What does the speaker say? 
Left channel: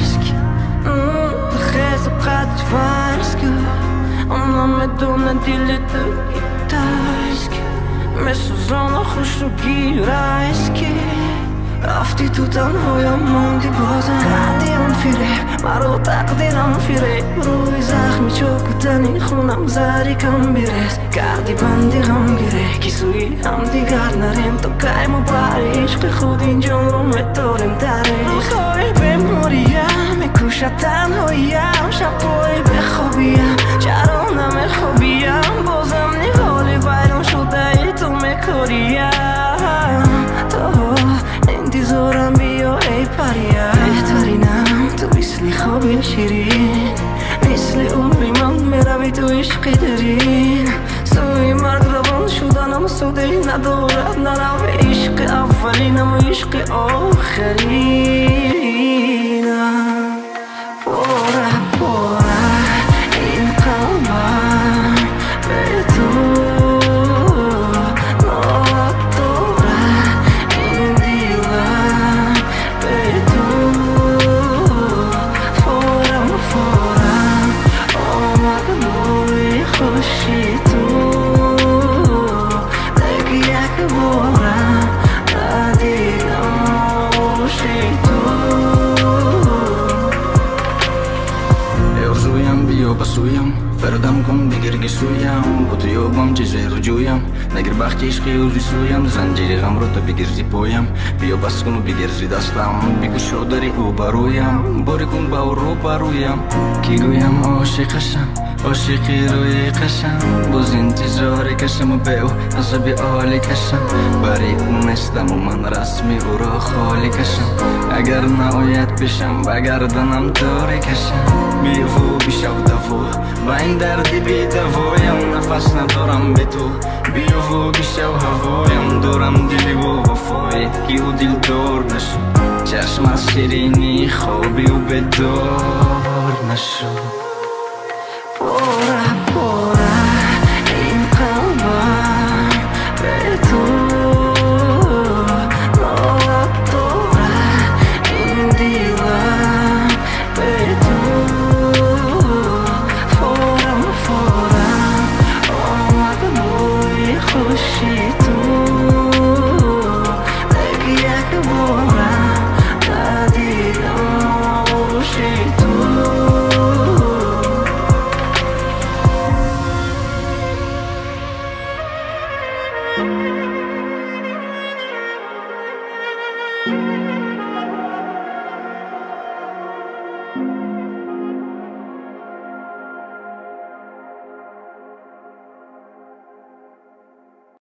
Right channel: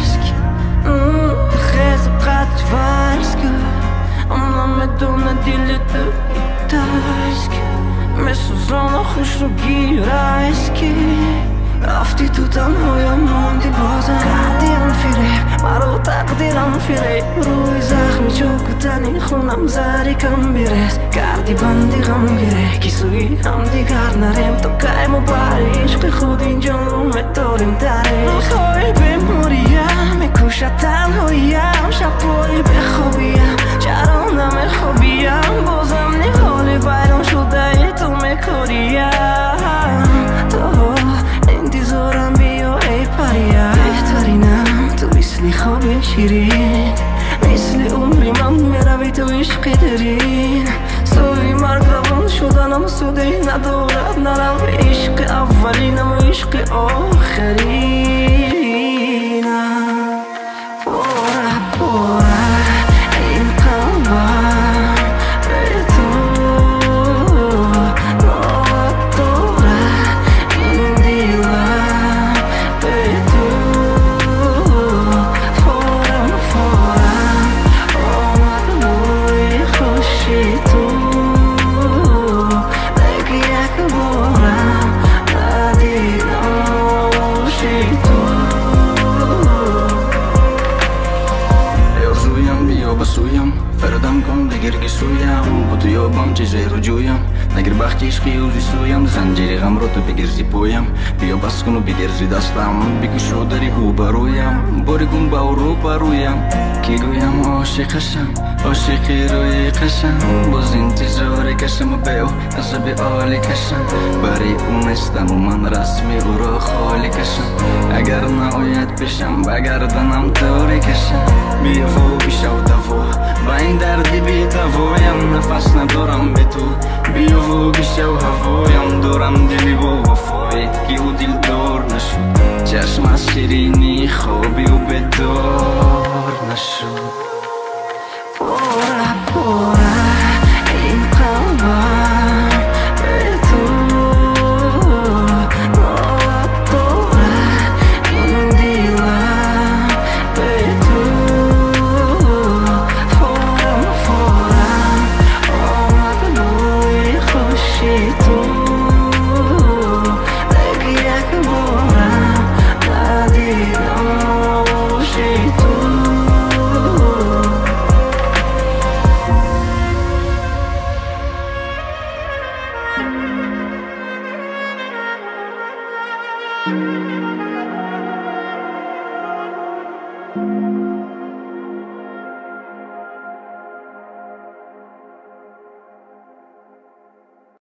ترسك خیز قد فرسك اونم بدون دیل تو گیتارسک مثل زن خوش رو گیرایسکی رفتی تو تنهایم موندی بازم قدیم فیره مرا تقدیرم فیره روی زخمی چوکتنی خونم زری کم بیرس کردی بندی غم گیره کی سوی هم دیگر نریم تو قیم و بری عشق خود این جان رو متوریم تره روزهای بموریم میکوشد تنهاییم شبایی بخوابیم چرا نمیخوابیم بازم نهالی ویران شده ای تو میکوریم تو انتظارم بیا ای پریم بهترینم تو مثل خواب شیرین مثل عمری من میروی تو عشق درین سوی مرگ روان شدنم سوده ندارد نرم عشق اولینم و عشق آخرینم پاره پاره این قلبم به تو بسویم فردم کن بگیر که سویم با تو یابم چیزی رو جویم نگر بخت عشقی اوزی سویم زنجیر غم رو تو بگیر زی پویم بیا بس کن و بگیر زی دستم بگو شو داری او برویم باری کن با رو برویم کی گویم عاشقشم عاشقی روی قشم باز انتظاری کشم و به او عذب عالی کشم برای اون استم و من رسمی او را خالی کشم اگر نهایت بشم بگردنم طوری کشم بیا و بیشو دفو با این دردی بی دوایم نفس ندارم به تو بیا و بیشو هوایم دارم دلی و وفای کی او دل دار نشد چشم از شیرینی خوابی و بدار نشد